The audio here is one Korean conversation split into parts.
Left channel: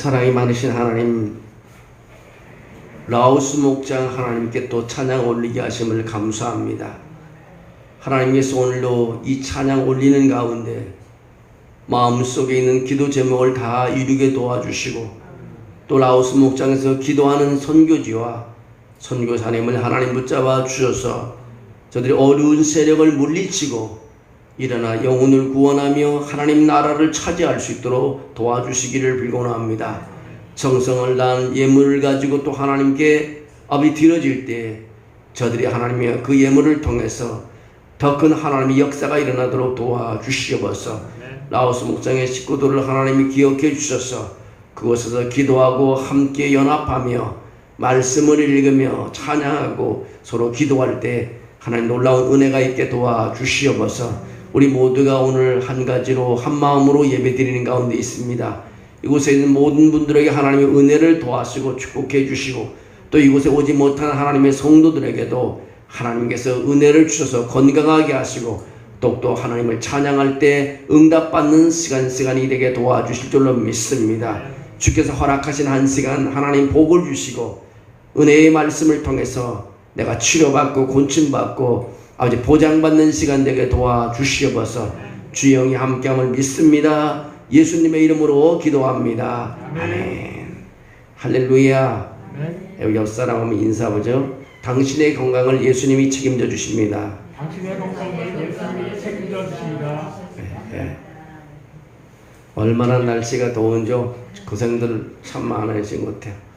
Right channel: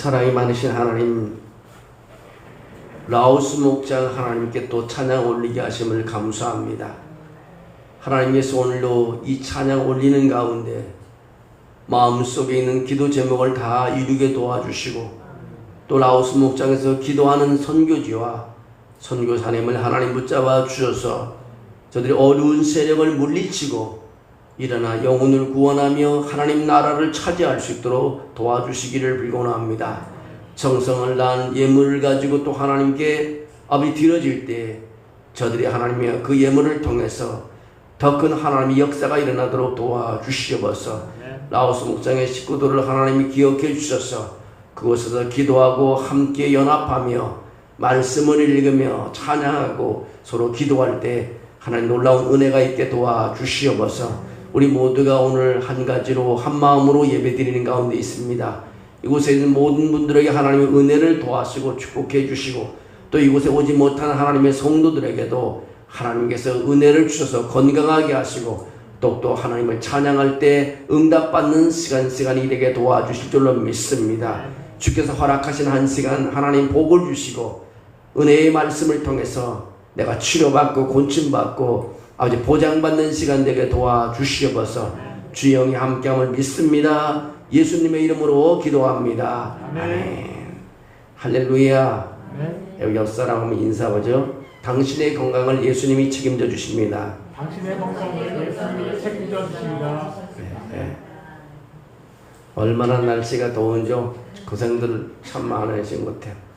사랑이 많으신 하나님, 라오스 목장 하나님께 또 찬양 올리게 하심을 감사합니다. 하나님께서 오늘도 이 찬양 올리는 가운데 마음속에 있는 기도 제목을 다 이루게 도와주시고, 또 라오스 목장에서 기도하는 선교지와 선교사님을 하나님 붙잡아 주셔서 저들이 어려운 세력을 물리치고 일어나 영혼을 구원하며 하나님 나라를 차지할 수 있도록 도와주시기를 빌곤합니다. 정성을 다한 예물을 가지고 또 하나님께 아버지 드려질 때 저들이 하나님의 그 예물을 통해서 더 큰 하나님의 역사가 일어나도록 도와주시옵소서. 라오스 목장의 식구들을 하나님이 기억해 주셔서 그곳에서 기도하고 함께 연합하며 말씀을 읽으며 찬양하고 서로 기도할 때 하나님 놀라운 은혜가 있게 도와주시옵소서. 우리 모두가 오늘 한 가지로 한 마음으로 예배드리는 가운데 있습니다. 이곳에 있는 모든 분들에게 하나님의 은혜를 도와주시고 축복해 주시고, 또 이곳에 오지 못한 하나님의 성도들에게도 하나님께서 은혜를 주셔서 건강하게 하시고 또 하나님을 찬양할 때 응답받는 시간이 되게 도와주실 줄로 믿습니다. 주께서 허락하신 한 시간 하나님 복을 주시고 은혜의 말씀을 통해서 내가 치료받고 곤침받고 아버지 보장받는 시간 되게 도와주시옵소서. 주의 영이 함께함을 믿습니다. 예수님의 이름으로 기도합니다. 아멘. 할렐루야. 여기 옆 사람 인사하죠. 당신의 건강을 예수님이 책임져 주십니다. 당신의 건강을 예수님이 책임져 주십니다. 네. 얼마나 날씨가 더운지 고생들 참 많으신 것 같아요.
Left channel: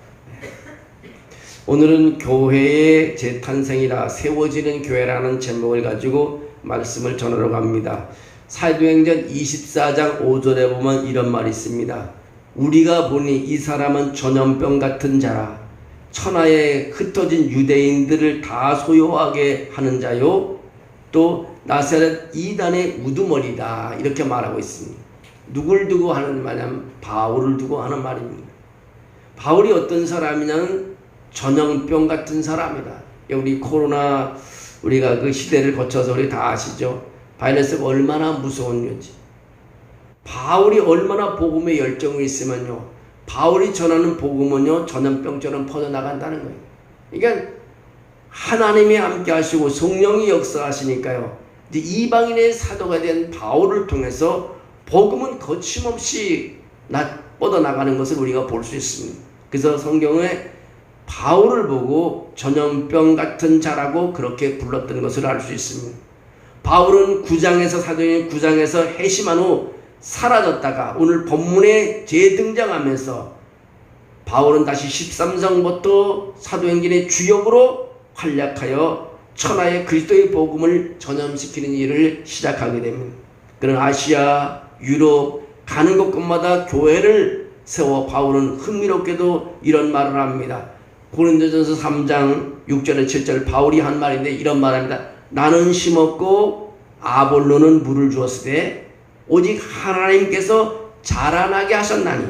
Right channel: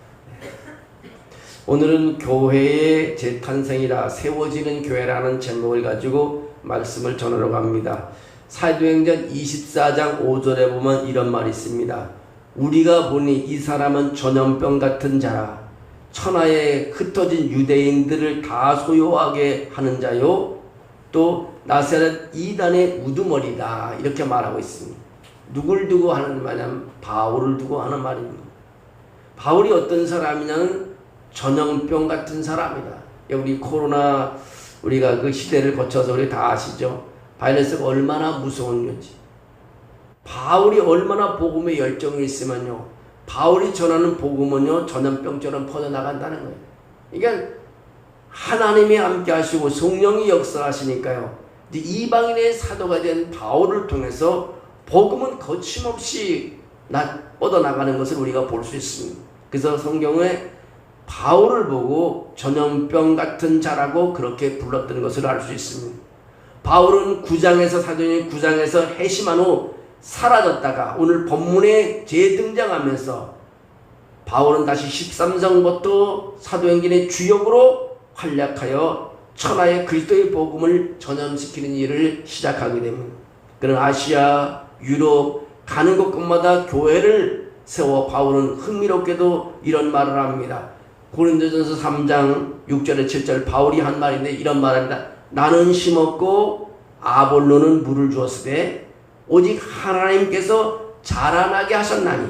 오늘은 교회의 재탄생이라 세워지는 교회라는 제목을 가지고 말씀을 전하러 갑니다. 사도행전 24장 5절에 보면 이런 말이 있습니다. 우리가 보니 이 사람은 전염병 같은 자라, 천하에 흩어진 유대인들을 다 소요하게 하는 자요, 또 나사렛 이단의 우두머리다, 이렇게 말하고 있습니다. 누굴 두고 하는 말이냐면 바울을 두고 하는 말입니다. 바울이 어떤 사람이냐면 전염병 같은 사람이다. 우리 코로나 우리가 그 시대를 거쳐서 우리 다 아시죠? 바이러스가 얼마나 무서운 건지. 바울이 얼마나 복음에 열정이 있으면요, 바울이 전하는 복음은요 전염병처럼 퍼져나간다는 거예요. 그러니까 하나님이 함께 하시고 성령이 역사하시니까요, 이방인의 사도가 된 바울을 통해서 복음은 거침없이 뻗어나가는 것을 우리가 볼 수 있습니다. 그래서 성경에 바울을 보고 전염병 같은 자라고 그렇게 불렀던 것을 알 수 있습니다. 바울은 9장에서 사도행전 9장에서 회심한 후 사라졌다가 오늘 본문에 재등장하면서 바울은 다시 13장부터 사도행전의 주역으로 활약하여 천하의 그리스도의 복음을 전염시키는 일을 시작하게 됩니다. 그런 아시아, 유럽 가는 곳곳마다 교회를 세워 바울은 흥미롭게도 이런 말을 합니다. 고린도전서 3장 6절에 7절 바울이 한 말인데 이런 말합니다. 나는 심었고 아볼로는 물을 주었으되 오직 하나님께서 자라나게 하셨나니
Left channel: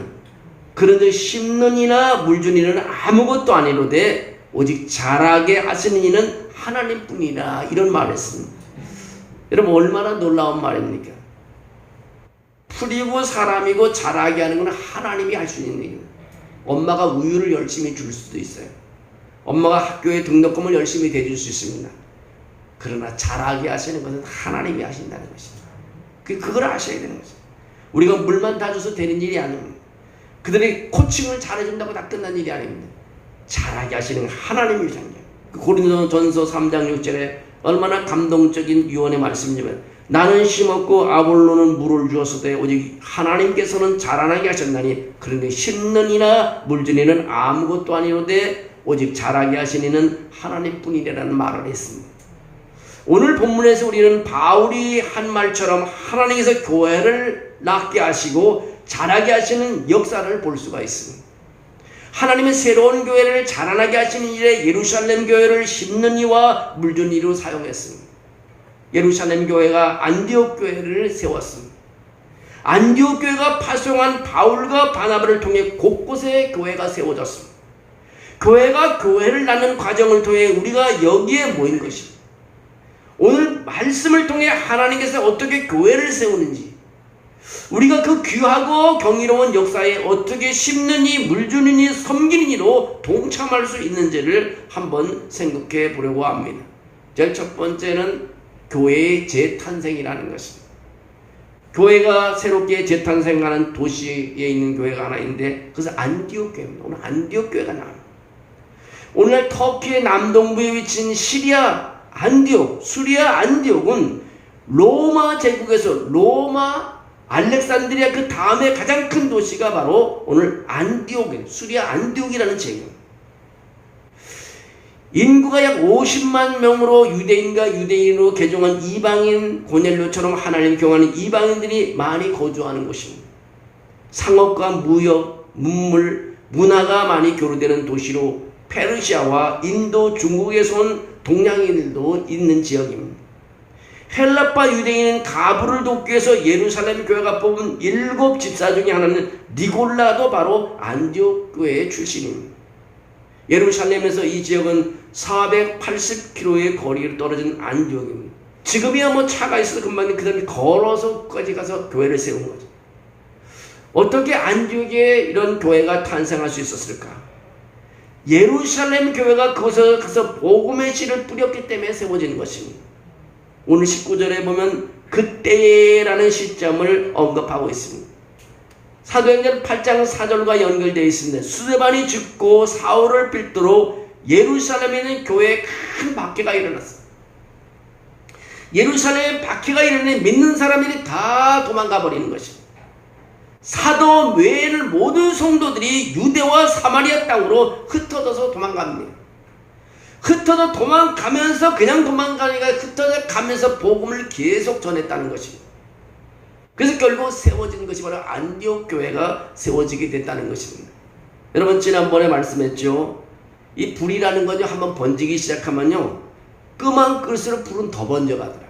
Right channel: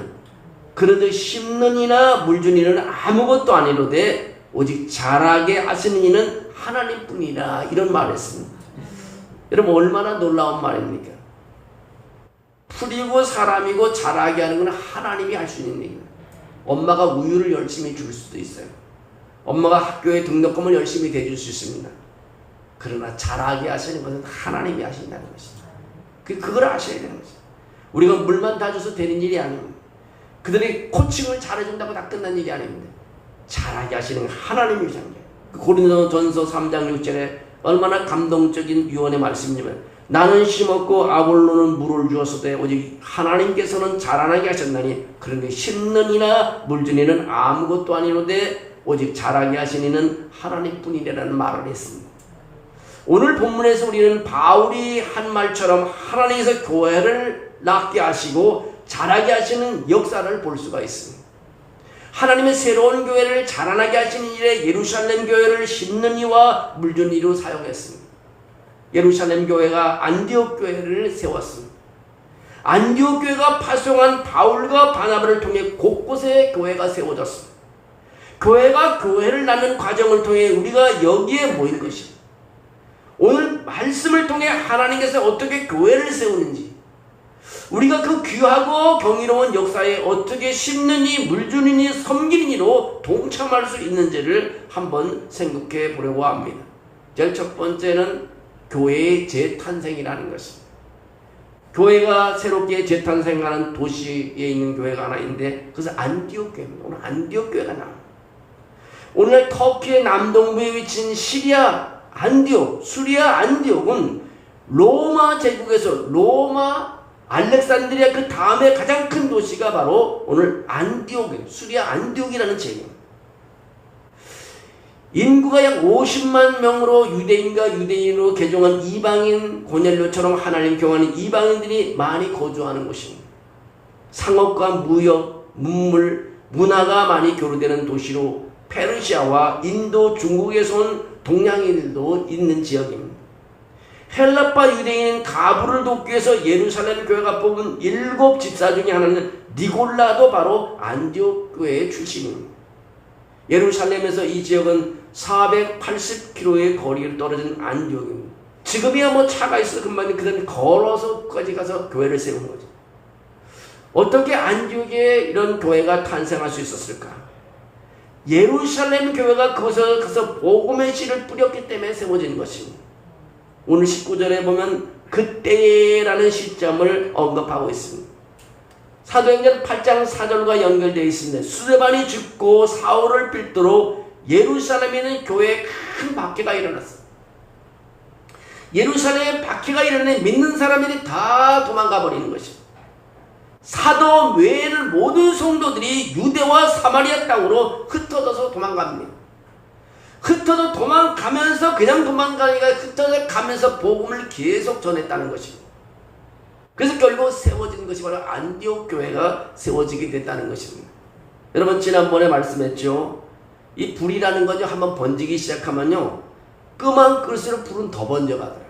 그런데 심는 이나 물 주는 이는 아무것도 아니로되 오직 자라게 하시는 이는 하나님뿐이라, 이런 말을 했습니다. 여러분 얼마나 놀라운 말입니까? 풀이고 사람이고 자라게 하는 건 하나님이 할 수 있는 일입니다. 엄마가 우유를 열심히 줄 수도 있어요. 엄마가 학교에 등록금을 열심히 대줄 수 있습니다. 그러나 자라게 하시는 것은 하나님이 하신다는 것입니다. 그걸 아셔야 되는 거죠. 우리가 물만 다 줘서 되는 일이 아닙니다. 그들이 코칭을 잘해준다고 다 끝난 일이 아닙니다. 자라게 하시는 하나님이십니다. 고린도전서 3장 6절에 얼마나 감동적인 유언의 말씀이냐면 나는 심었고 아볼로는 물을 주었으되 오직 하나님께서는 자라나게 하셨나니 그런데 심는 이나 물 주는 이는 아무것도 아니로되 오직 자라게 하신 이는 하나님뿐이라는 말을 했습니다. 오늘 본문에서 우리는 바울이 한 말처럼 하나님께서 교회를 낳게 하시고 자라게 하시는 역사를 볼 수가 있습니다. 하나님의 새로운 교회를 자라나게 하시는 일에 예루살렘 교회를 심는 이와 물 주는 이로 사용했습니다. 예루살렘 교회가 안디옥 교회를 세웠습니다. 안디옥 교회가 파송한 바울과 바나바를 통해 곳곳에 교회가 세워졌습니다. 교회가 교회를 낳는 과정을 통해 우리가 여기에 모인 것입니다. 오늘 말씀을 통해 하나님께서 어떻게 교회를 세우는지, 우리가 그 귀하고 경이로운 역사에 어떻게 심는이, 물주는이, 섬기는이로 동참할 수 있는지를 한번 생각해 보려고 합니다. 제일 첫 번째는 교회의 재탄생이라는 것입니다. 교회가 새롭게 재탄생하는 도시에 있는 교회가 하나 있는데 그것은 안디옥 교회입니다. 오늘 안디옥 교회가 나옵니다. 오늘날 터키의 남동부에 위치한 시리아 안디옥, 수리아 안디옥은 로마 제국에서 로마 알렉산드리아 그 다음에 가장 큰 도시가 바로 오늘 안디옥이에요. 수리아 안디옥이라는 지역입니다. 인구가 약 50만 명으로 유대인과 유대인으로 개종한 이방인 고넬료처럼 하나님 경험하는 이방인들이 많이 거주하는 곳입니다. 상업과 무역, 문물, 문화가 많이 교류되는 도시로 페르시아와 인도, 중국에서 온 동양인들도 있는 지역입니다. 헬라파 유대인은 가부를 돕기 위해서 예루살렘 교회가 뽑은 7 집사 중에 하나는 니골라도 바로 안디옥 교회의 출신입니다. 예루살렘에서 이 지역은 480km의 거리를 떨어진 안디옥입니다. 지금이야 뭐 차가 있어서 금방 그 다음에 걸어서까지 가서 교회를 세운 거죠. 어떻게 안디옥에 이런 교회가 탄생할 수 있었을까? 예루살렘 교회가 그곳에 가서 복음의 씨를 뿌렸기 때문에 세워진 것입니다. 오늘 19절에 보면 그때라는 시점을 언급하고 있습니다. 사도행전 8장 4절과 연결되어 있습니다. 스데반이 죽고 사울을 필두로 예루살렘에 있는 교회에 큰 박해가 일어났어. 예루살렘에 박해가 일어나니 믿는 사람들이 다 도망가 버리는 것입니다. 사도 외에는 모든 성도들이 유대와 사마리아 땅으로 흩어져서 도망갑니다. 흩어져 도망가면서 그냥 도망가니까 흩어져 가면서 복음을 계속 전했다는 것입니다. 그래서 결국 세워진 것이 바로 안디옥 교회가 세워지게 됐다는 것입니다. 여러분 지난번에 말씀했죠. 이 불이라는 거죠. 한번 번지기 시작하면요. 끄만 끌수록 불은 더 번져가더라고요.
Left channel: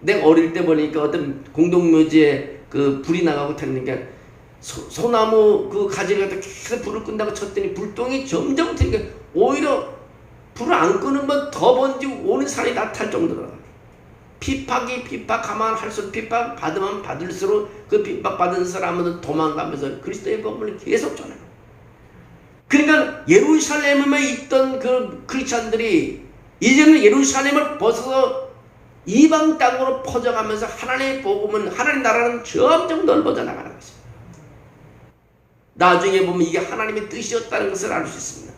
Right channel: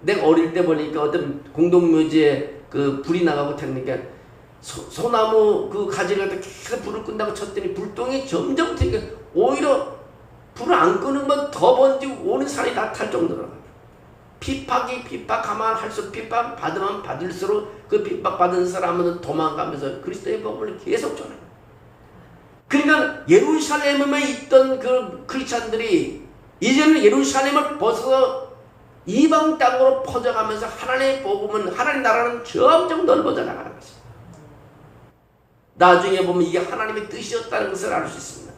내가 어릴 때 보니까 어떤 공동묘지에 그 불이 나가고 탔는데 소나무 그 가지를 갖다 계속 불을 끈다고 쳤더니 불똥이 점점 튀게 오히려 불을 안 끄는 건 더 번지고 오는 산이 다 탈 정도로 핍박하면 할수록 핍박 받으면 받을수록 그 핍박 받은 사람은 도망가면서 그리스도의 복음을 계속 전해요. 그러니까 예루살렘에 있던 그 크리스찬들이 이제는 예루살렘을 벗어서 이방 땅으로 퍼져가면서 하나님의 복음은 하나님 나라는 점점 넓어져 나가는 것입니다. 나중에 보면 이게 하나님의 뜻이었다는 것을 알 수 있습니다.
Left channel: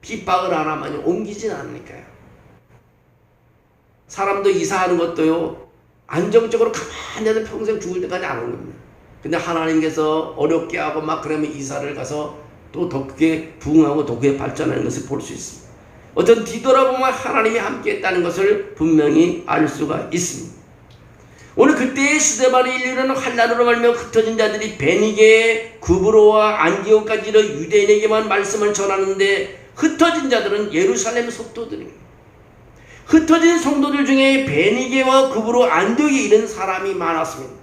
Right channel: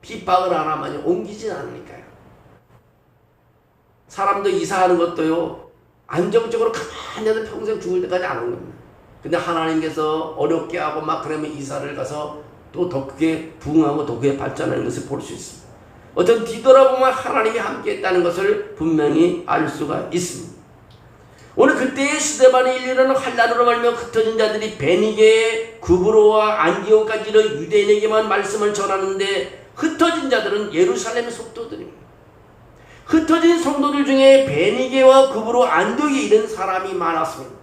핍박을 안 하면 옮기진 않으니까요. 사람도 이사하는 것도요 안정적으로 가만히 해서 평생 죽을 때까지 안 옵니다. 근데 하나님께서 어렵게 하고 막 그러면 이사를 가서 또 더 크게 부흥하고 더 크게 발전하는 것을 볼 수 있습니다. 어떤 뒤돌아보면 하나님이 함께 했다는 것을 분명히 알 수가 있습니다. 오늘 그때의 스데반의 일류는 환난으로 말며 흩어진 자들이 베니게, 구브로와 안디옥까지 이르러 유대인에게만 말씀을 전하는데 흩어진 자들은 예루살렘 속도들입니다. 흩어진 성도들 중에 베니게와 구브로, 안디옥에 이른 사람이 많았습니다.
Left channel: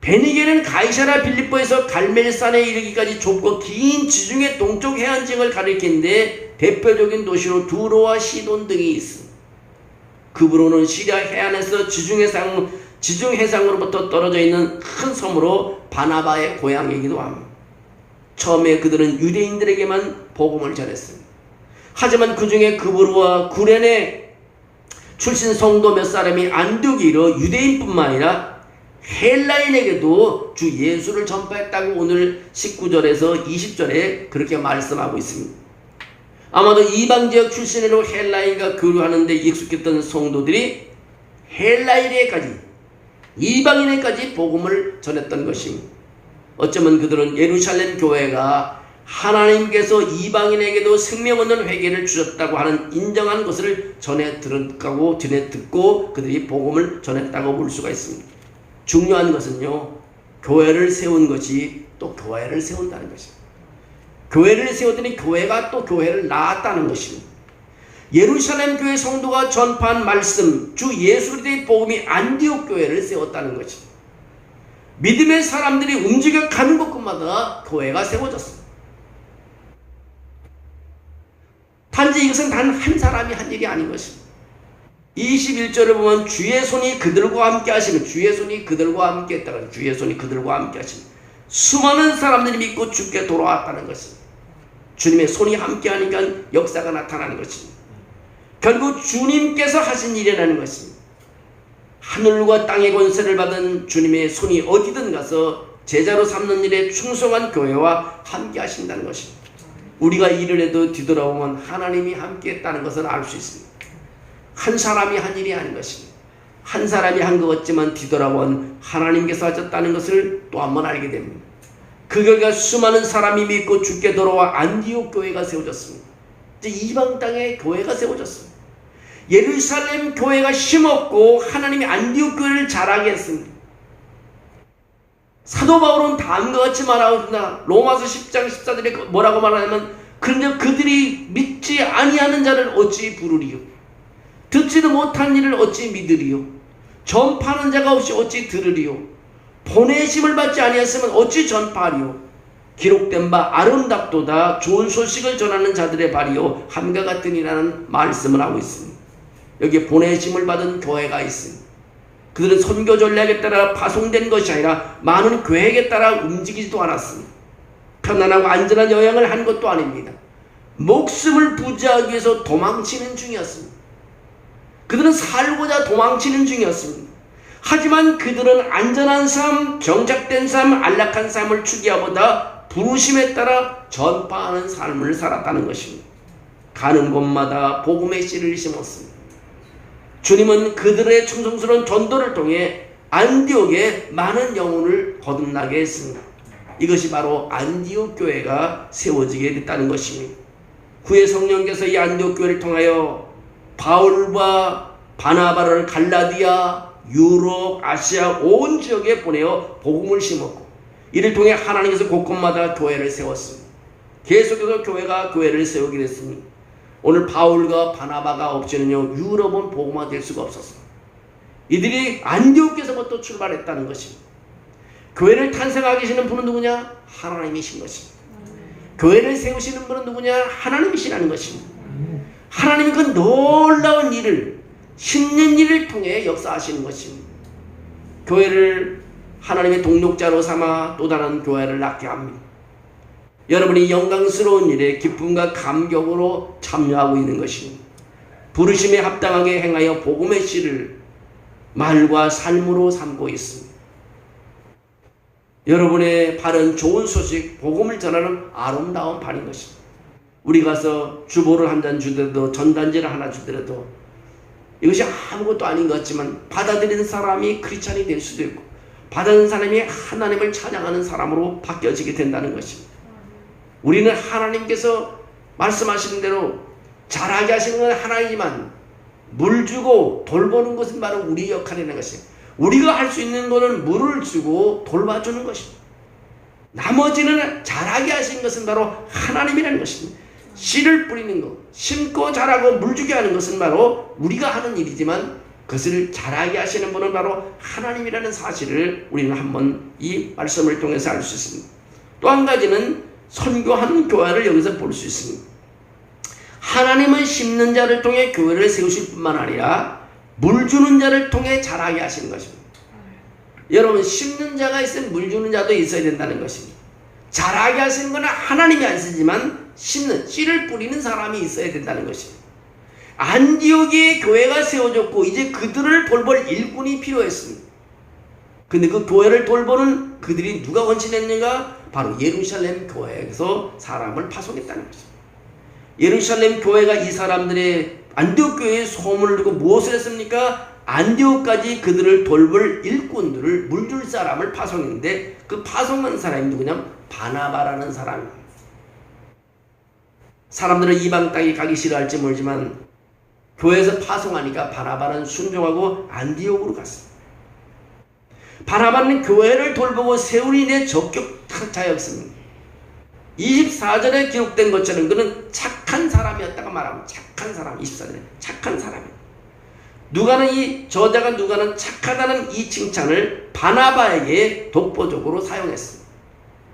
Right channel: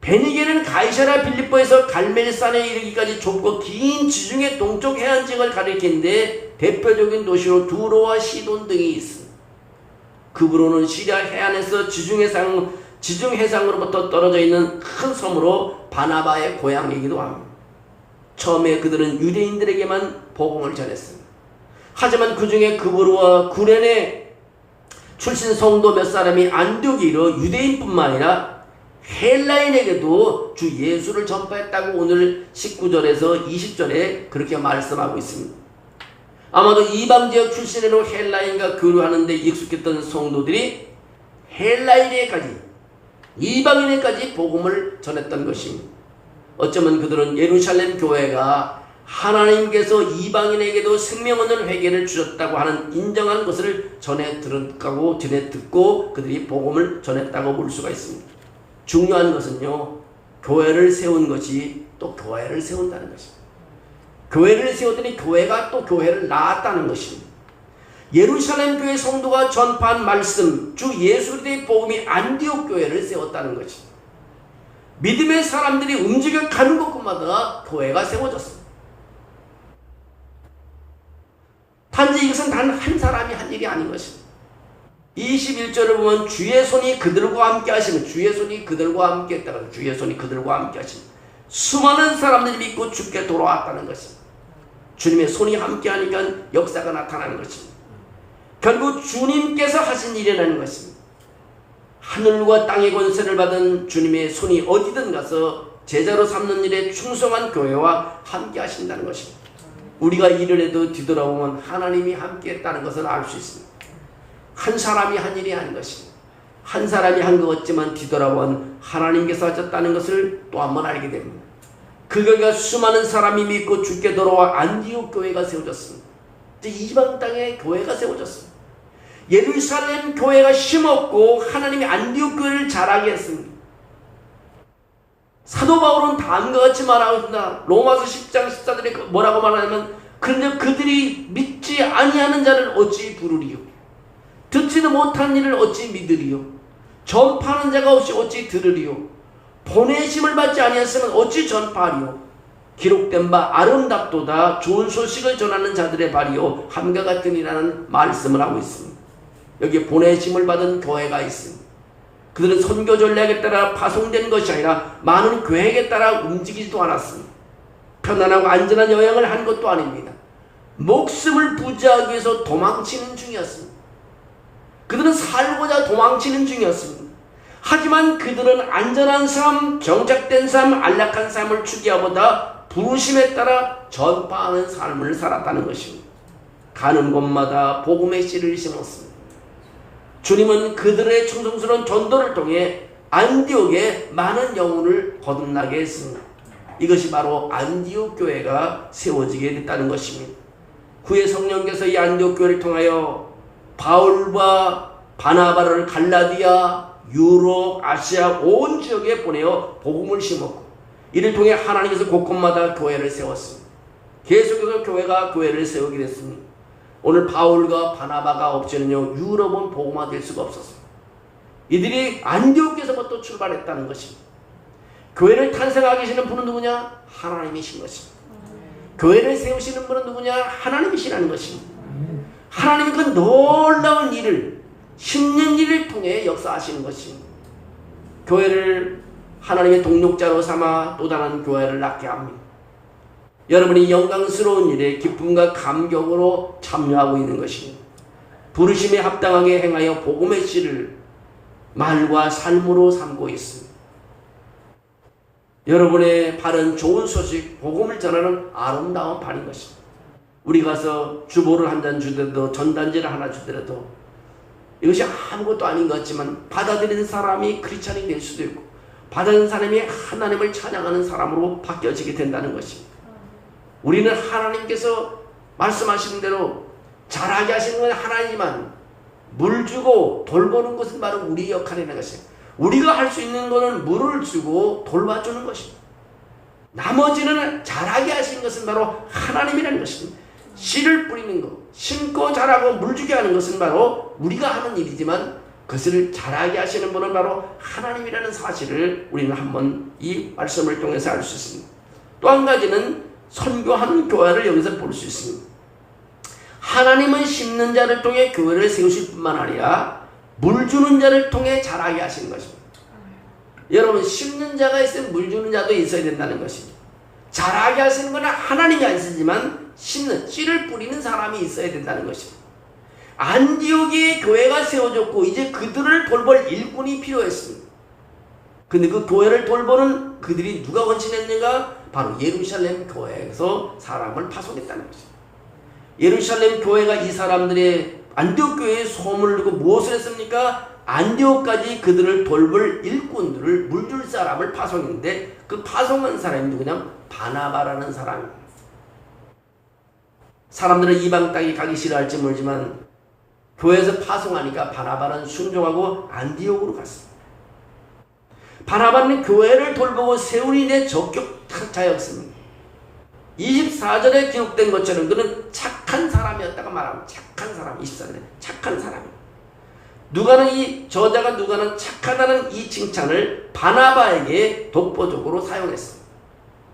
베니게는 가이사랴 빌립보에서 갈멜산에 이르기까지 좁고 긴 지중해 동쪽 해안 지역을 가리키는데 대표적인 도시로 두로와 시돈 등이 있습니다. 구브로는 시리아 해안에서 지중해상으로부터 떨어져 있는 큰 섬으로 바나바의 고향이기도 합니다. 처음에 그들은 유대인들에게만 복음을 전했습니다. 하지만 그 중에 구브로와 구레네 출신 성도 몇 사람이 안디옥에 이르러 유대인뿐만 아니라 헬라인에게도 주 예수를 전파했다고 오늘 19절에서 20절에 그렇게 말씀하고 있습니다. 아마도 이방지역 출신으로 헬라인과 교류하는데 익숙했던 성도들이 헬라인에까지 이방인에까지 복음을 전했던 것입니다. 어쩌면 그들은 예루살렘 교회가 하나님께서 이방인에게도 생명 얻는 회개를 주셨다고 하는 인정하는 것을 전해 듣고 그들이 복음을 전했다고 볼 수가 있습니다. 중요한 것은요, 교회를 세운 것이 또 교회를 세운다는 것입니다. 교회를 세웠더니 교회가 또 교회를 낳았다는 것입니다. 예루살렘 교회 성도가 전파한 말씀, 주 예수 그리스도의 복음이 안디옥 교회를 세웠다는 것입니다. 믿음의 사람들이 움직여 가는 곳마다 교회가 세워졌습니다. 단지 이것은 단 한 사람이 한 일이 아닌 것입니다. 21절을 보면 주의 손이 그들과 함께 하시면, 주의 손이 그들과 함께 했다가 주의 손이 그들과 함께 하시면 수많은 사람들이 믿고 주께 돌아왔다는 것입니다. 주님의 손이 함께 하니까 역사가 나타나는 것입니다. 결국 주님께서 하신 일이라는 것입니다. 하늘과 땅의 권세를 받은 주님의 손이 어디든 가서 제자로 삼는 일에 충성한 교회와 함께 하신다는 것입니다. 우리가 일을 해도 뒤돌아보면 하나님이 함께 했다는 것을 알 수 있습니다. 한 사람이 한 일이 아닌 것입니다. 한 사람이 한 것 같지만 뒤돌아보면 하나님께서 하셨다는 것을 또 한 번 알게 됩니다. 그 결과 수많은 사람이 믿고 주께 돌아와 안디옥 교회가 세워졌습니다. 이방 땅에 교회가 세워졌습니다. 예루살렘 교회가 힘없고 하나님이 안디옥 교회를 자라게 했습니다. 사도 바울은 다음과 같이 말하고 있습니다. 로마서 10장 14절에 뭐라고 말하냐면, 근데 그들이 믿지 아니하는 자를 어찌 부르리요, 듣지도 못한 일을 어찌 믿으리요, 전파하는 자가 없이 어찌 들으리요, 보내심을 받지 아니하였으면 어찌 전파하리요, 기록된 바 아름답도다 좋은 소식을 전하는 자들의 발이요 함과 같으니라는 말씀을 하고 있습니다. 여기에 보내심을 받은 교회가 있습니다. 그들은 선교 전략에 따라 파송된 것이 아니라 많은 계획에 따라 움직이지도 않았습니다. 편안하고 안전한 여행을 한 것도 아닙니다. 목숨을 부지하기 위해서 도망치는 중이었습니다. 그들은 살고자 도망치는 중이었습니다. 하지만 그들은 안전한 삶, 정착된 삶, 안락한 삶을 추구하보다 부르심에 따라 전파하는 삶을 살았다는 것입니다. 가는 곳마다 복음의 씨를 심었습니다. 주님은 그들의 충성스러운 전도를 통해 안디옥에 많은 영혼을 거듭나게 했습니다. 이것이 바로 안디옥 교회가 세워지게 됐다는 것입니다. 후에 성령께서 이 안디옥 교회를 통하여 바울과 바나바를 갈라디아, 유럽, 아시아 온 지역에 보내어 복음을 심었고, 이를 통해 하나님께서 곳곳마다 교회를 세웠습니다. 계속해서 교회가 교회를 세우게 됐습니다. 오늘 바울과 바나바가 없이는요, 유럽은 복음화될 수가 없었습니다. 이들이 안디옥에서부터 출발했다는 것입니다. 교회를 탄생하게 하시는 분은 누구냐? 하나님이신 것입니다. 교회를 세우시는 분은 누구냐? 하나님이시라는 것입니다. 하나님은 그 놀라운 일을, 심는 일을 통해 역사하시는 것입니다. 교회를 하나님의 동력자로 삼아 또 다른 교회를 낳게 합니다. 여러분이 영광스러운 일에 기쁨과 감격으로 참여하고 있는 것입니다. 부르심에 합당하게 행하여 복음의 씨를 말과 삶으로 삼고 있습니다. 여러분의 발은 좋은 소식, 복음을 전하는 아름다운 발인 것입니다. 우리 가서 주보를 한 잔 주더라도, 전단지를 하나 주더라도 이것이 아무것도 아닌 것 같지만 받아들이는 사람이 크리스찬이 될 수도 있고, 받아들이는 사람이 하나님을 찬양하는 사람으로 바뀌어지게 된다는 것입니다. 우리는 하나님께서 말씀하시는 대로 잘하게 하시는 건 하나님이지만 물 주고 돌보는 것은 바로 우리 역할이라는 것입니다. 우리가 할 수 있는 것은 물을 주고 돌봐주는 것입니다. 나머지는 잘하게 하신 것은 바로 하나님이라는 것입니다. 씨를 뿌리는 것, 심고 자라고 물 주게 하는 것은 바로 우리가 하는 일이지만 그것을 잘하게 하시는 분은 바로 하나님이라는 사실을 우리는 한번 이 말씀을 통해서 알 수 있습니다. 또 한 가지는 선교하는 교회를 여기서 볼 수 있습니다. 하나님은 심는 자를 통해 교회를 세우실 뿐만 아니라 물 주는 자를 통해 자라게 하시는 것입니다. 여러분, 심는 자가 있으면 물 주는 자도 있어야 된다는 것입니다. 자라게 하시는 것은 하나님이 안 쓰지만 심는, 씨를 뿌리는 사람이 있어야 된다는 것입니다. 안디옥에 교회가 세워졌고 이제 그들을 돌볼 일꾼이 필요했습니다. 근데 그 교회를 돌보는 그들이 누가 헌신했는가? 바로 예루살렘 교회에서 사람을 파송했다는 것입니다. 예루살렘 교회가 이 사람들의 안디옥 교회에 소문을 두고 무엇을 했습니까? 안디옥까지 그들을 돌볼 일꾼들을, 물줄 사람을 파송했는데 그 파송한 사람이 누구냐? 바나바라는 사람입니다. 사람들은 이방 땅에 가기 싫어할지 모르지만 교회에서 파송하니까 바나바는 순종하고 안디옥으로 갔습니다. 바나바는 교회를 돌보고 세운 일에 적극한 자였습니다. 24절에 기록된 것처럼 그는 착한 사람이었다고 말합니다. 착한 사람, 24절에 착한 사람이에요. 누가는 이 저자가 누가는 착하다는 이 칭찬을 바나바에게 독보적으로 사용했습니다.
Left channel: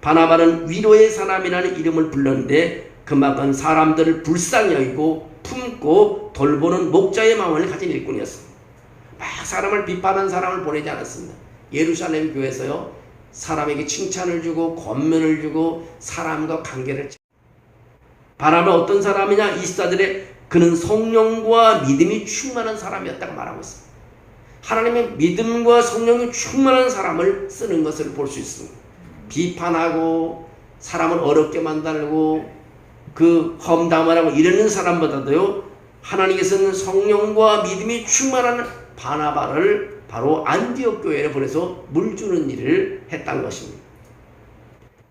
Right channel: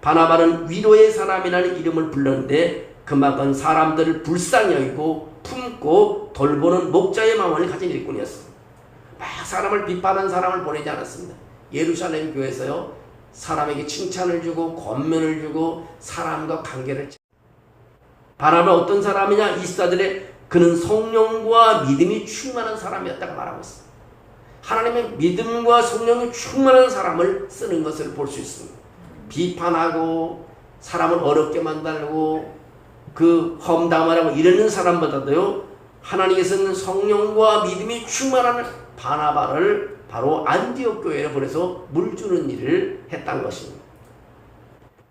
바나바는 위로의 사람이라는 이름을 불렀는데 그만큼 사람들을 불쌍히 여기고 품고 돌보는 목자의 마음을 가진 일꾼이었습니다. 막 사람을 비판하는 사람을 보내지 않았습니다. 예루살렘 교회에서요, 사람에게 칭찬을 주고 권면을 주고 사람과 관계를 바라는 어떤 사람이냐? 24절에 그는 성령과 믿음이 충만한 사람이었다고 말하고 있습니다. 하나님의 믿음과 성령이 충만한 사람을 쓰는 것을 볼 수 있습니다. 비판하고 사람을 어렵게 만들고 그 험담을 하고 이러는 사람보다도요, 하나님께서는 성령과 믿음이 충만한 바나바를 바로 안디옥 교회에 보내서 물 주는 일을 했다는 것입니다.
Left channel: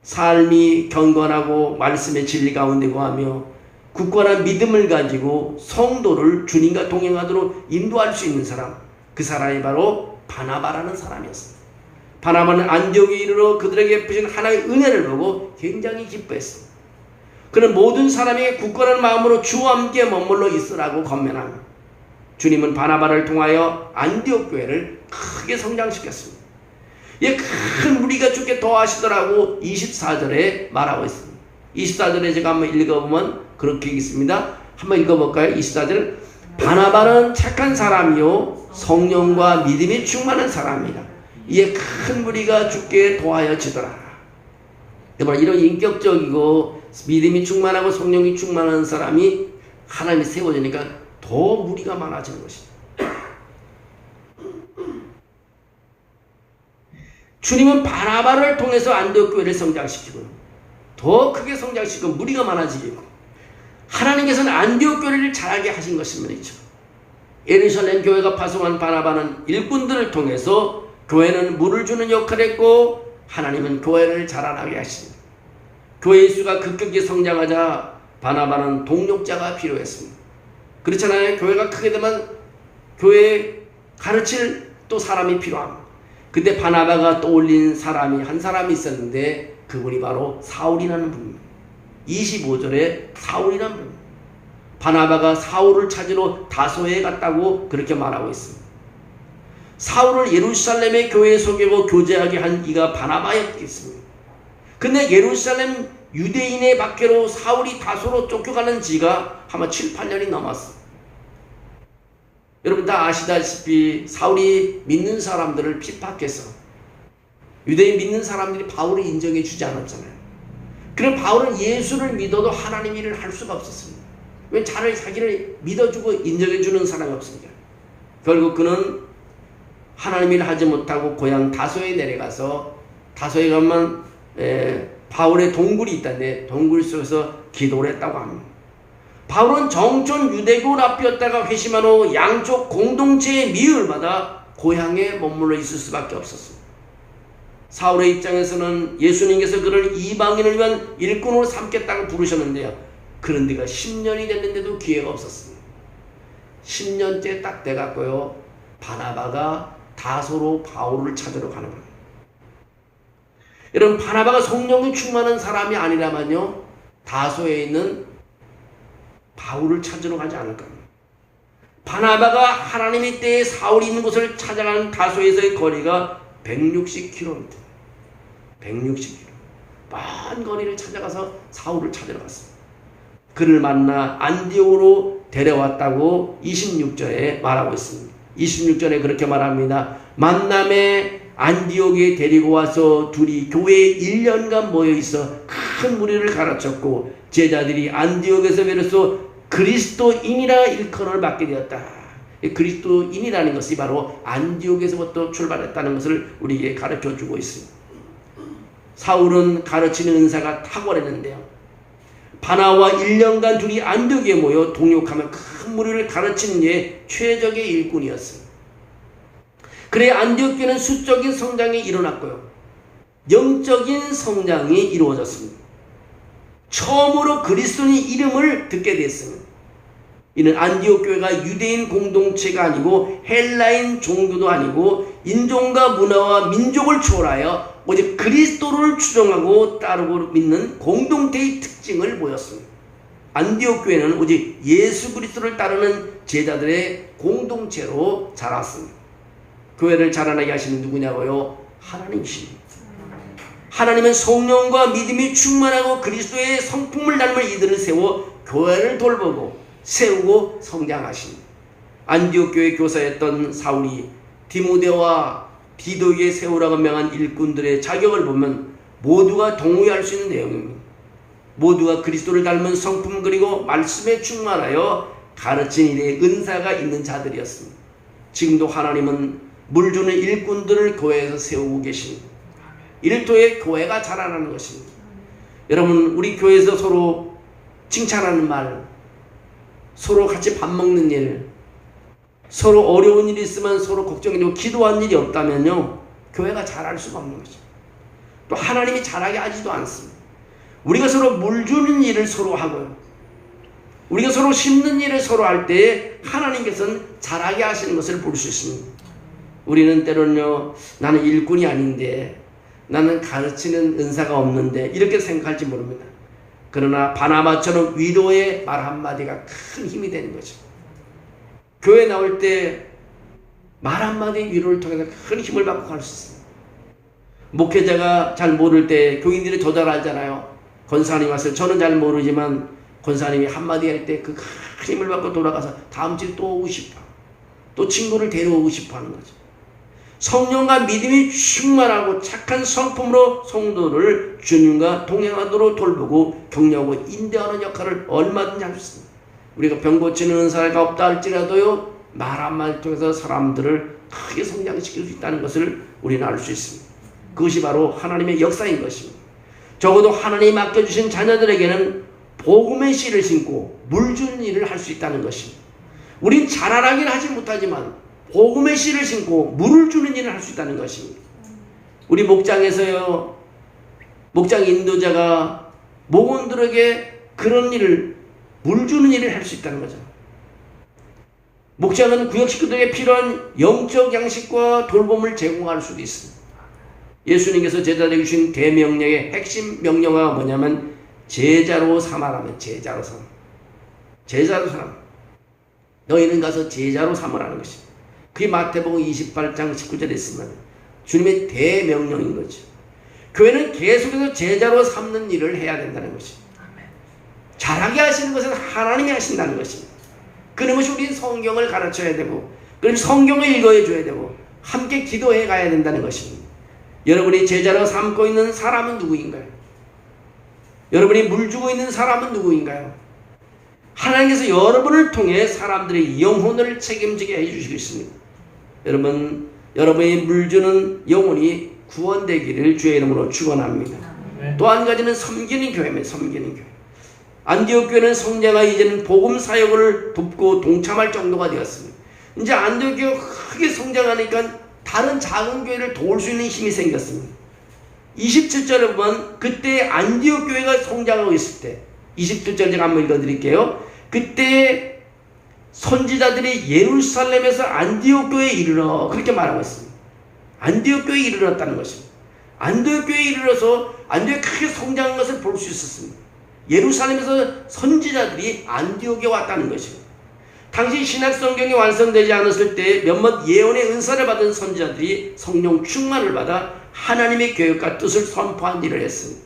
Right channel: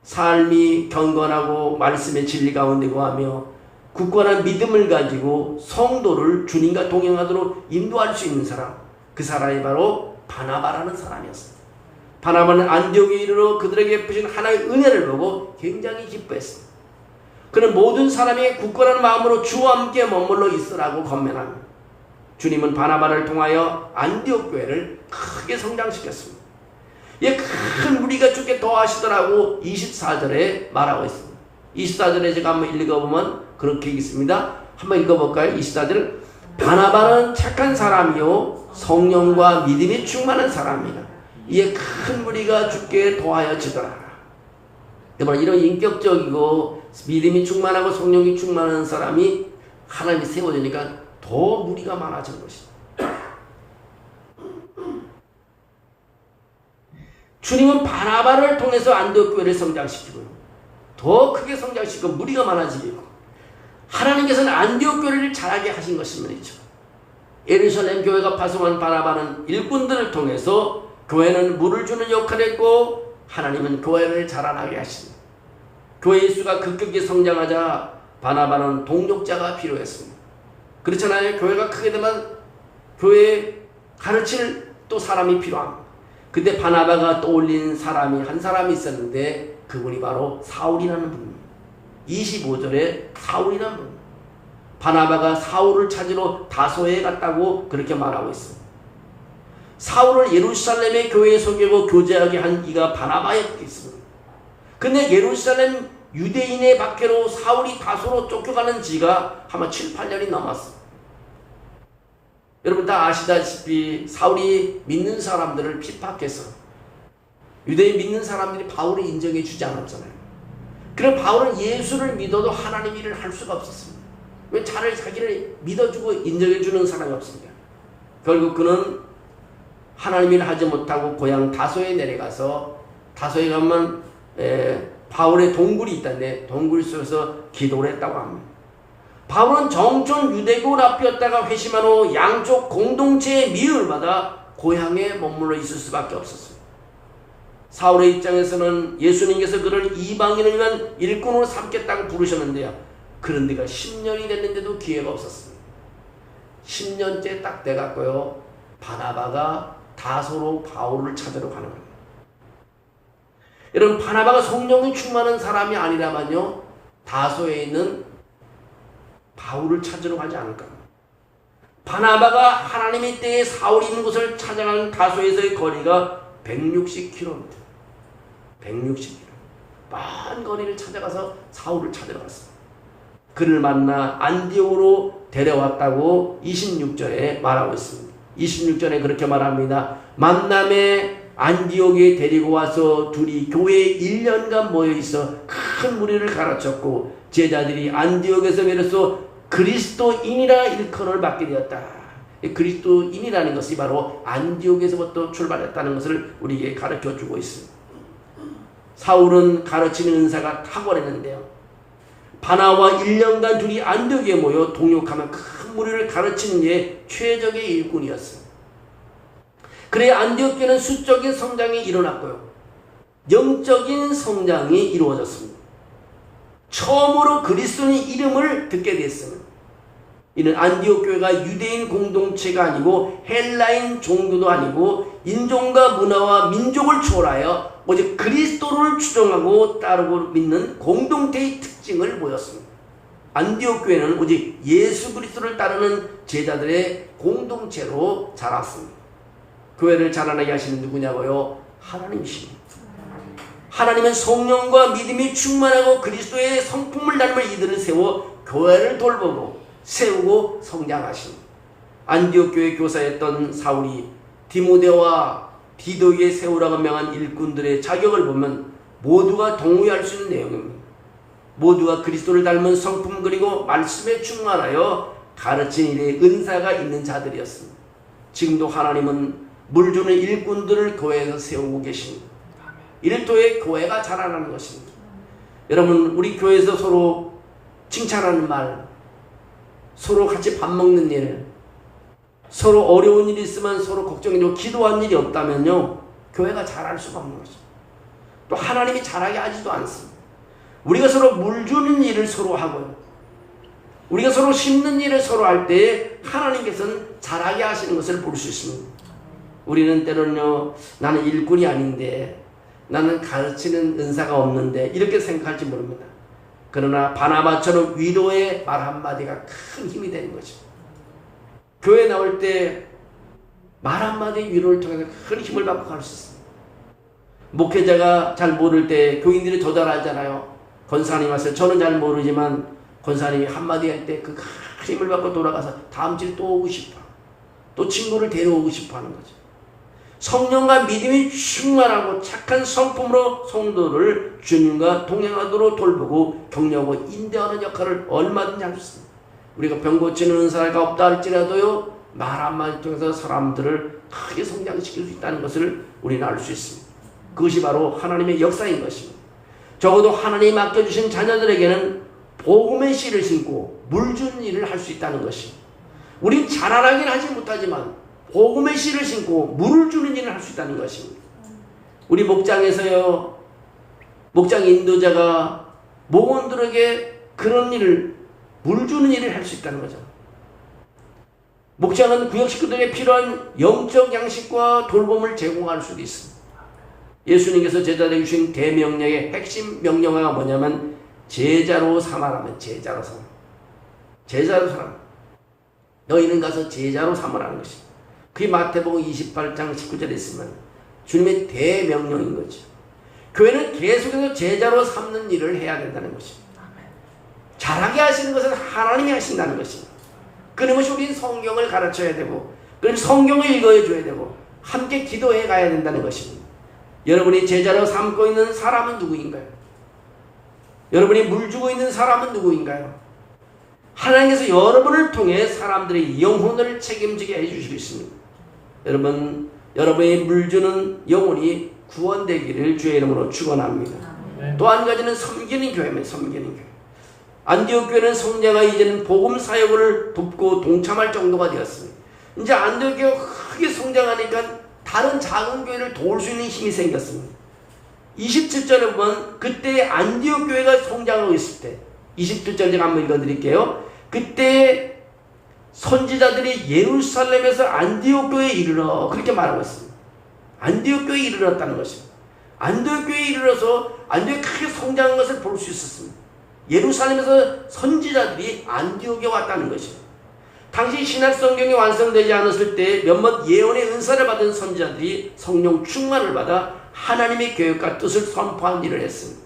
삶이 경건하고 말씀의 진리 가운데 거하며 굳건한 믿음을 가지고 성도를 주님과 동행하도록 인도할 수 있는 사람, 그 사람이 바로 바나바라는 사람이었습니다. 바나바는 안디옥에 이르러 그들에게 베푸신 하나님의 은혜를 보고 굉장히 기뻐했습니다. 그는 모든 사람에게 굳건한 마음으로 주와 함께 머물러 있으라고 권면합니다. 주님은 바나바를 통하여 안디옥 교회를 크게 성장시켰습니다. 큰 무리가 죽게 더하시더라고 24절에 말하고 있습니다. 24절에 제가 한번 읽어보면 그렇게 있습니다. 한번 읽어볼까요? 24절. 바나바는 착한 사람이요 성령과 믿음이 충만한 사람이라. 이에 큰 무리가 죽게 더하여지더라. 여러분, 이런 인격적이고 믿음이 충만하고 성령이 충만한 사람이 하나님이 세워지니까 더 무리가 많아지는 것입니다. 주님은 바나바를 통해서 안디옥 교회를 성장시키고 더 크게 성장시키고 무리가 많아지게 했고, 하나님께서는 안디옥 교회를 자라게 하신 것입니다. 예루살렘 교회가 파송한 바나바는 일꾼들을 통해서 교회는 물을 주는 역할을 했고, 하나님은 교회를 자라나게 하십니다. 교회의 수가 급격히 성장하자 바나바는 동력자가 필요했습니다. 그렇잖아요. 교회가 크게 되면 교회에 가르칠 또 사람이 필요합니다. 그때 바나바가 떠올린 사람이 한 사람이 있었는데 그분이 바로 사울이라는 분입니다. 25절에 사울이라는 분입니다. 바나바가 사울을 찾으러 다소에 갔다고 그렇게 말하고 있습니다. 사울을 예루살렘의 교회에 속이고 교제하게 한 이가 바나바였겠습니다. 근데 예루살렘 유대인의 밖으로 사울이 다소로 쫓겨가는 지가 아마 7, 8년이 넘었습니다. 여러분 다 아시다시피 사울이 믿는 사람들을 핍박해서 유대인 믿는 사람들이 바울을 인정해 주지 않았잖아요. 그럼 바울은 예수를 믿어도 하나님 일을 할 수가 없었습니다. 왜 자기를 믿어주고 인정해 주는 사람이 없습니다. 결국 그는 하나님 일을 하지 못하고 고향 다소에 내려가서, 다소에 가면 바울의 동굴이 있다는데 동굴 속에서 기도를 했다고 합니다. 바울은 정촌 유대교 랍비였다가 회심한 후 양쪽 공동체의 미움을 받아 고향에 머물러 있을 수밖에 없었어요. 사울의 입장에서는 예수님께서 그를 이방인을 위한 일꾼으로 삼겠다고 부르셨는데요, 그런 데가 10년이 됐는데도 기회가 없었습니다. 10년째 딱 돼갖고요, 바나바가 다소로 바울을 찾으러 가는 겁니다. 여러분, 바나바가 성령이 충만한 사람이 아니라면요, 다소에 있는 바울을 찾으러 가지 않을 겁니다. 바나바가 하나님의 때에 사울이 있는 곳을 찾아가는 다소에서의 거리가 160km. 160km. 먼 거리를 찾아가서 사울을 찾으러 갔습니다. 그를 만나 안디옥으로 데려왔다고 26절에 말하고 있습니다. 26절에 그렇게 말합니다. 만남에 안디옥에 데리고 와서 둘이 교회에 1년간 모여있어 큰 무리를 가르쳤고, 제자들이 안디옥에서 비로소 그리스도인이라 일컬음을 받게 되었다. 그리스도인이라는 것이 바로 안디옥에서부터 출발했다는 것을 우리에게 가르쳐주고 있습니다. 사울은 가르치는 은사가 탁월했는데요, 바나와 1년간 둘이 안디옥에 모여 동역하며 큰 무리를 가르치는 게 최적의 일꾼이었습니다. 그래 안디옥 교회는 수적인 성장이 일어났고요, 영적인 성장이 이루어졌습니다. 처음으로 그리스도인 이름을 듣게 됐습니다. 이는 안디옥 교회가 유대인 공동체가 아니고 헬라인 종교도 아니고 인종과 문화와 민족을 초월하여 오직 그리스도를 추종하고 따르고 믿는 공동체의 특징을 보였습니다. 안디옥 교회는 오직 예수 그리스도를 따르는 제자들의 공동체로 자랐습니다. 교회를 자라나게 하시는 누구냐고요? 하나님이십니다. 하나님은 성령과 믿음이 충만하고 그리스도의 성품을 닮은 이들을 세워 교회를 돌보고 세우고 성장하신 안디옥 교회 교사였던 사울이 디모데와 디도에게 세우라고 명한 일꾼들의 자격을 보면 모두가 동의할 수 있는 내용입니다. 모두가 그리스도를 닮은 성품 그리고 말씀에 충만하여 가르친 일에 은사가 있는 자들이었습니다. 지금도 하나님은 물 주는 일꾼들을 교회에서 세우고 계십니다. 이를 통해 교회가 자라나는 것입니다. 여러분, 우리 교회에서 서로 칭찬하는 말, 서로 같이 밥 먹는 일, 서로 어려운 일이 있으면 서로 걱정해주고 기도한 일이 없다면요, 교회가 자랄 수가 없는 것입니다. 또 하나님이 자라게 하지도 않습니다. 우리가 서로 물 주는 일을 서로 하고요, 우리가 서로 심는 일을 서로 할 때 하나님께서는 자라게 하시는 것을 볼 수 있습니다. 우리는 때로는요, 나는 일꾼이 아닌데, 나는 가르치는 은사가 없는데 이렇게 생각할지 모릅니다. 그러나 바나바처럼 위로의 말 한마디가 큰 힘이 되는 거죠. 교회 나올 때 말 한마디 위로를 통해서 큰 힘을 받고 갈 수 있습니다. 목회자가 잘 모를 때 교인들이 더 잘 알잖아요. 권사님 왔어요. 저는 잘 모르지만 권사님이 한마디 할 때 그 큰 힘을 받고 돌아가서 다음 주에 또 오고 싶어, 또 친구를 데려오고 싶어 하는 거죠. 성령과 믿음이 충만하고 착한 성품으로 성도를 주님과 동행하도록 돌보고 격려하고 인도하는 역할을 얼마든지 할 수 있습니다. 우리가 병 고치는 은사가 없다 할지라도요, 말 한마디 통해서 사람들을 크게 성장시킬 수 있다는 것을 우리는 알 수 있습니다. 그것이 바로 하나님의 역사인 것입니다. 적어도 하나님이 맡겨주신 자녀들에게는 복음의 씨를 심고 물 주는 일을 할 수 있다는 것입니다. 우린 자라나긴 하지 못하지만 복음의 씨를 심고 물을 주는 일을 할 수 있다는 것입니다. 우리 목장에서요, 목장 인도자가 목원들에게 그런 일을, 물 주는 일을 할 수 있다는 거죠. 목장은 구역 식구들에게 필요한 영적 양식과 돌봄을 제공할 수도 있습니다. 예수님께서 제자들에게 주신 대명령의 핵심 명령어가 뭐냐면 제자로 삼아라는, 제자로 삼아. 제자로 삼아. 너희는 가서 제자로 삼으라는 것입니다. 그게 마태복음 28장 19절에 있으면 주님의 대명령인 거죠. 교회는 계속해서 제자로 삼는 일을 해야 된다는 것입니다. 잘하게 하시는 것은 하나님이 하신다는 것입니다. 그것이 우리는 성경을 가르쳐야 되고, 그래서 성경을 읽어야 줘야 되고, 함께 기도해 가야 된다는 것입니다. 여러분이 제자로 삼고 있는 사람은 누구인가요? 여러분이 물 주고 있는 사람은 누구인가요? 하나님께서 여러분을 통해 사람들의 영혼을 책임지게 해주시고 있습니다. 여러분, 여러분의 물 주는 영혼이 구원되기를 주의 이름으로 축원합니다. 또 한 가지는 섬기는 교회입니다. 섬기는 교회. 안디옥 교회는 성자가 이제는 복음 사역을 돕고 동참할 정도가 되었습니다. 이제 안디옥 교회가 크게 성장하니까 다른 작은 교회를 도울 수 있는 힘이 생겼습니다. 27절에 보면 그때 안디옥 교회가 성장하고 있을 때, 27절 제가 한번 읽어드릴게요. 그때 선지자들이 예루살렘에서 안디옥 교회에 이르러, 그렇게 말하고 있습니다. 안디옥 교회에 이르렀다는 것입니다. 안디옥 교회에 이르러서 안디옥이 크게 성장한 것을 볼 수 있었습니다. 예루살렘에서 선지자들이 안디옥에 왔다는 것입니다. 당시 신약 성경이 완성되지 않았을 때 몇몇 예언의 은사를 받은 선지자들이 성령 충만을 받아 하나님의 계획과 뜻을 선포한 일을 했습니다.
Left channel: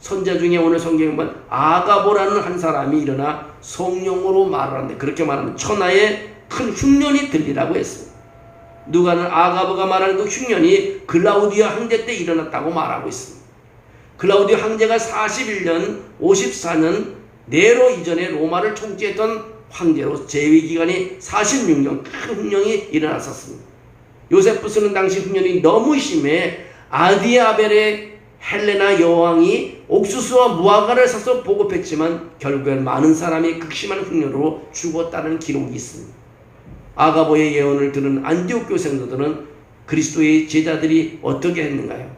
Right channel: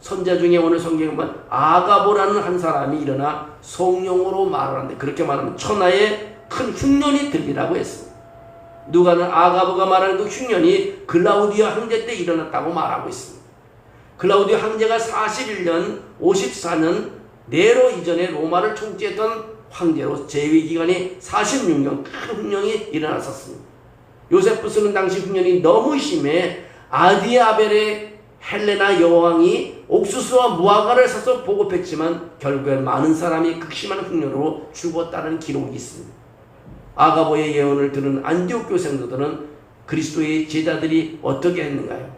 선지자 중에 오늘 성경에 보면 아가보라는 한 사람이 일어나 성령으로 말하는데, 그렇게 말하면 천하에 큰 흉년이 들리라고 했습니다. 누가는 아가보가 말하는 그 흉년이 글라우디아 황제 때 일어났다고 말하고 있습니다. 글라우디아 황제가 41년 54년 네로 이전에 로마를 통치했던 황제로 재위기간이 46년 큰 흉년이 일어났었습니다. 요세푸스는 당시 흉년이 너무 심해 아디아벨의 헬레나 여왕이 옥수수와 무화과를 사서 보급했지만 결국엔 많은 사람이 극심한 흉년으로 죽었다는 기록이 있습니다. 아가보의 예언을 들은 안디옥 교회 성도들은 그리스도의 제자들이 어떻게 했는가요?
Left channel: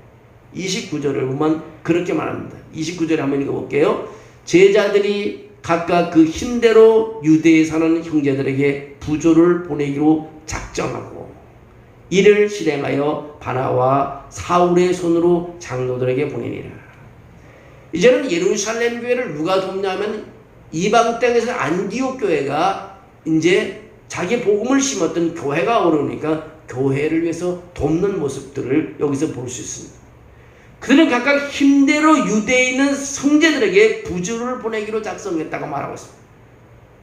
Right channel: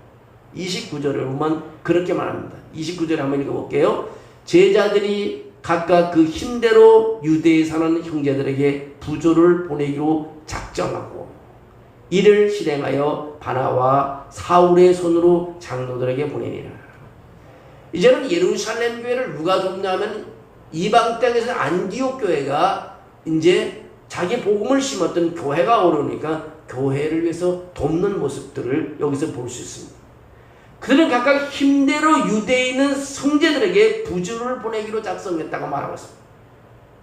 29절을 보면 그렇게 말합니다. 29절에 한번 읽어볼게요. 제자들이 각각 그 힘대로 유대에 사는 형제들에게 부조를 보내기로 작정하고 이를 실행하여 바나와 사울의 손으로 장로들에게 보내니라. 이제는 예루살렘 교회를 누가 돕냐면 이방 땅에서 안디옥 교회가 이제 자기 복음을 심었던 교회가 어려우니까 교회를 위해서 돕는 모습들을 여기서 볼 수 있습니다. 그들은 각각 힘대로 유대에 있는 성제들에게 부조를 보내기로 작성했다고 말하고 있습니다.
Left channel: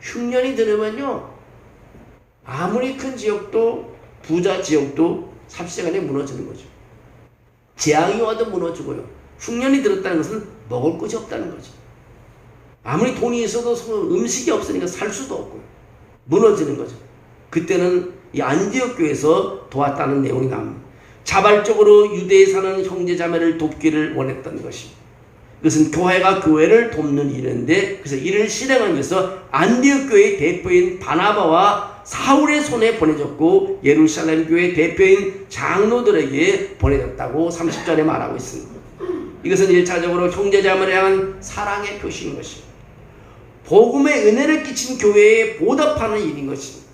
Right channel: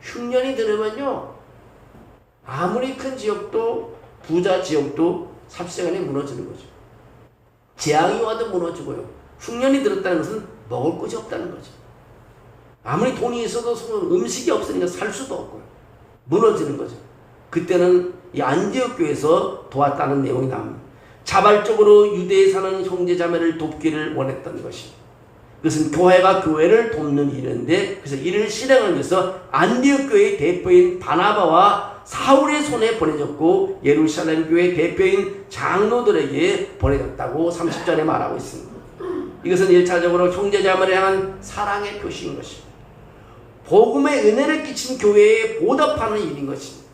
흉년이 들으면요, 아무리 큰 지역도, 부자 지역도 삽시간에 무너지는 거죠. 재앙이 와도 무너지고요. 흉년이 들었다는 것은 먹을 것이 없다는 거죠. 아무리 돈이 있어도 음식이 없으니까 살 수도 없고요. 무너지는 거죠. 그때는 이 안디옥 교회에서 도왔다는 내용이 나옵니다. 자발적으로 유대에 사는 형제자매를 돕기를 원했던 것이. 그것은 교회가 교회를 돕는 일인데, 그래서 이를 실행하기 위해서 안디옥 교회의 대표인 바나바와 사울의 손에 보내졌고 예루살렘 교회 대표인 장로들에게 보내졌다고 30절에 말하고 있습니다. 이것은 1차적으로 형제자매를 향한 사랑의 표시인 것입니다. 복음의 은혜를 끼친 교회에 보답하는 일인 것입니다.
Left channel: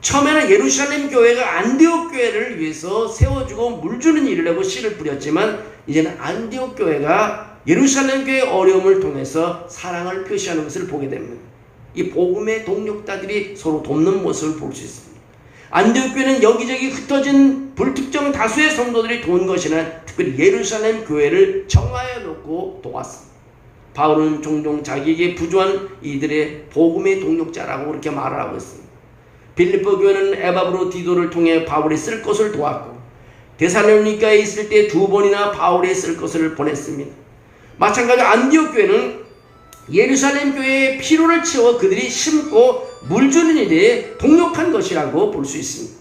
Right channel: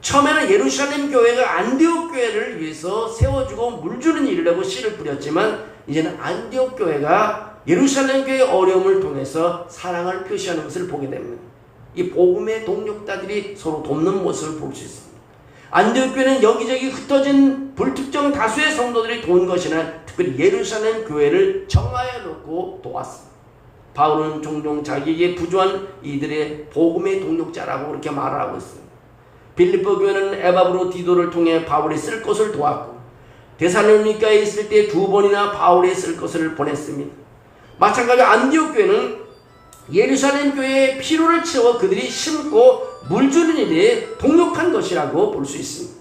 처음에는 예루살렘 교회가 안디옥 교회를 위해서 세워주고 물주는 일을 하고 씨를 뿌렸지만, 이제는 안디옥 교회가 예루살렘 교회의 어려움을 통해서 사랑을 표시하는 것을 보게 됩니다. 이 복음의 동력자들이 서로 돕는 모습을 볼 수 있습니다. 안디옥 교회는 여기저기 흩어진 불특정 다수의 성도들이 도운 것이나 특별히 예루살렘 교회를 정화해 놓고 도왔습니다. 바울은 종종 자기에게 부조한 이들의 복음의 동력자라고 그렇게 말하고 있습니다. 빌립보 교회는 에바브로 디도를 통해 바울이 쓸 것을 도왔고, 데살로니가에 있을 때 2번이나 바울이 쓸 것을 보냈습니다. 마찬가지로 안디옥 교회는 예루살렘 교회의 피로를 채워 그들이 심고 물주는 일에 동력한 것이라고 볼 수 있습니다.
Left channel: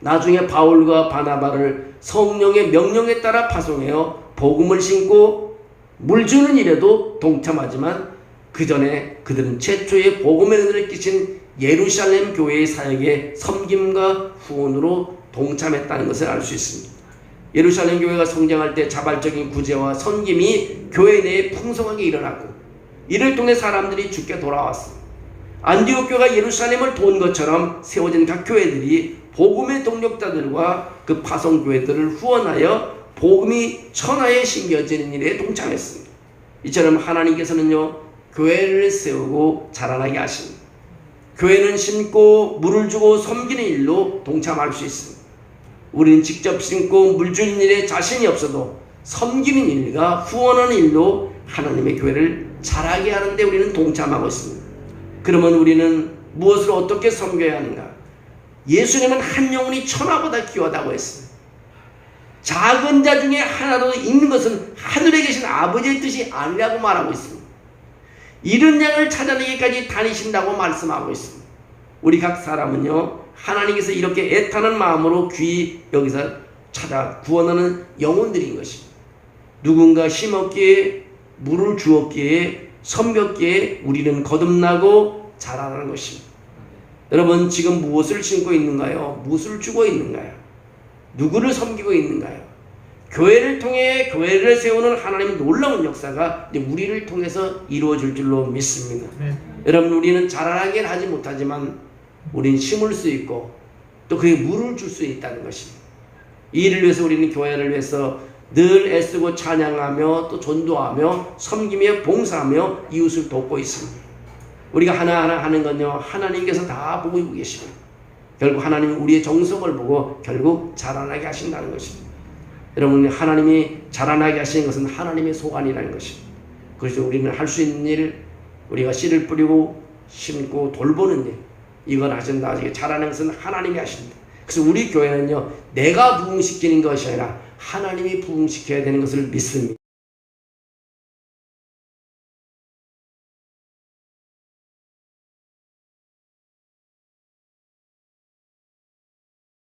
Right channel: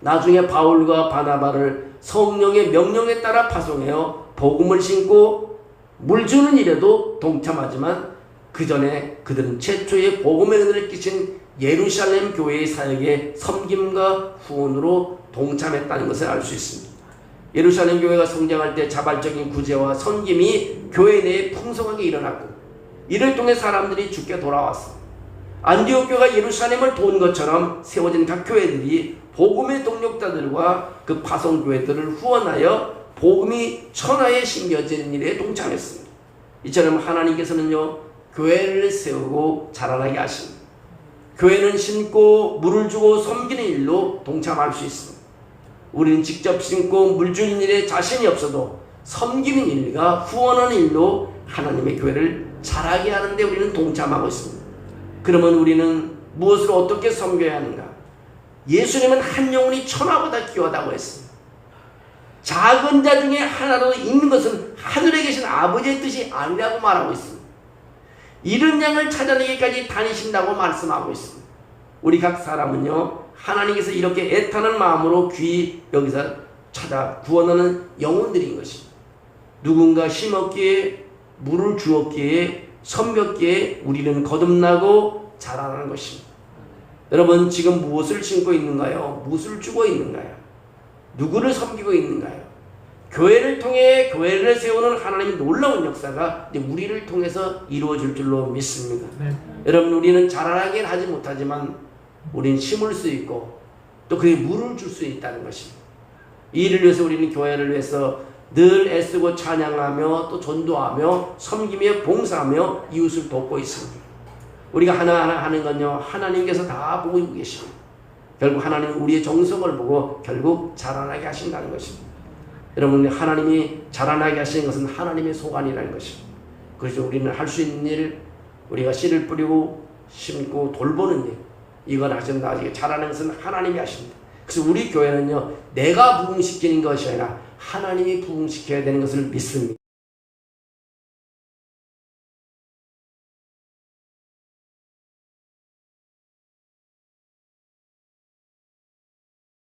나중에 바울과 바나바를 성령의 명령에 따라 파송하여 복음을 심고 물주는 일에도 동참하지만, 그 전에 그들은 최초의 복음의 은혜를 끼친 예루살렘 교회의 사역에 섬김과 후원으로 동참했다는 것을 알 수 있습니다. 예루살렘 교회가 성장할 때 자발적인 구제와 섬김이 교회 내에 풍성하게 일어났고, 이를 통해 사람들이 주께 돌아왔습니다. 안디옥 교회가 예루살렘을 도운 것처럼 세워진 각 교회들이 복음의 동력자들과 그 파송교회들을 후원하여 복음이 천하에 심겨지는 일에 동참했습니다. 이처럼 하나님께서는요, 교회를 세우고 자라나게 하십니다. 교회는 심고 물을 주고 섬기는 일로 동참할 수 있습니다. 우리는 직접 심고 물 주는 일에 자신이 없어도 섬기는 일과 후원하는 일로 하나님의 교회를 자라게 하는데 우리는 동참하고 있습니다. 그러면 우리는 무엇을 어떻게 섬겨야 하는가? 예수님은 한 영혼이 천하보다 귀하다고 했습니다. 작은 자 중에 하나라도 있는 것은 하늘에 계신 아버지의 뜻이 아니라고 말하고 있습니다. 이른 양을 찾아내기까지 다니신다고 말씀하고 있습니다. 우리 각 사람은요, 하나님께서 이렇게 애타는 마음으로 귀 여기서 찾아 구원하는 영혼들인 것입니다. 누군가 심었기에 물을 주었기에 섬겼기에 우리는 거듭나고 자라나는 것입니다. 여러분, 지금 무엇을 심고 있는가요? 무엇을 주고 있는가요? 누구를 섬기고 있는가요? 교회를 통해 교회를 세우는 하나님의 놀라운 역사가 우리를 통해서 이루어질 줄로 믿습니다. 여러분, 우리는 자라나긴 하지 못하지만 우리는 심을 수 있고 또 그에 물을 줄 수 있다는 것입니다. 이 일을 위해서 우리는 교회를 위해서 늘 애쓰고 찬양하며 또 전도하며 섬기며 봉사하며 이웃을 돕고 있습니다. 우리가 하나하나 하는 건요, 하나님께서 다 보고 계십니다. 결국 하나님이 우리의 정성을 보고 결국 자라나게 하신다는 것입니다. 여러분, 하나님이 자라나게 하시는 것은 하나님의 소관이라는 것입니다. 그래서 우리는 할 수 있는 일, 우리가 씨를 뿌리고 심고 돌보는 일, 이걸 하신다. 자라는 것은 하나님이 하십니다. 그래서 우리 교회는요, 내가 부흥시키는 것이 아니라 하나님이 부흥시켜야 되는 것을 믿습니다.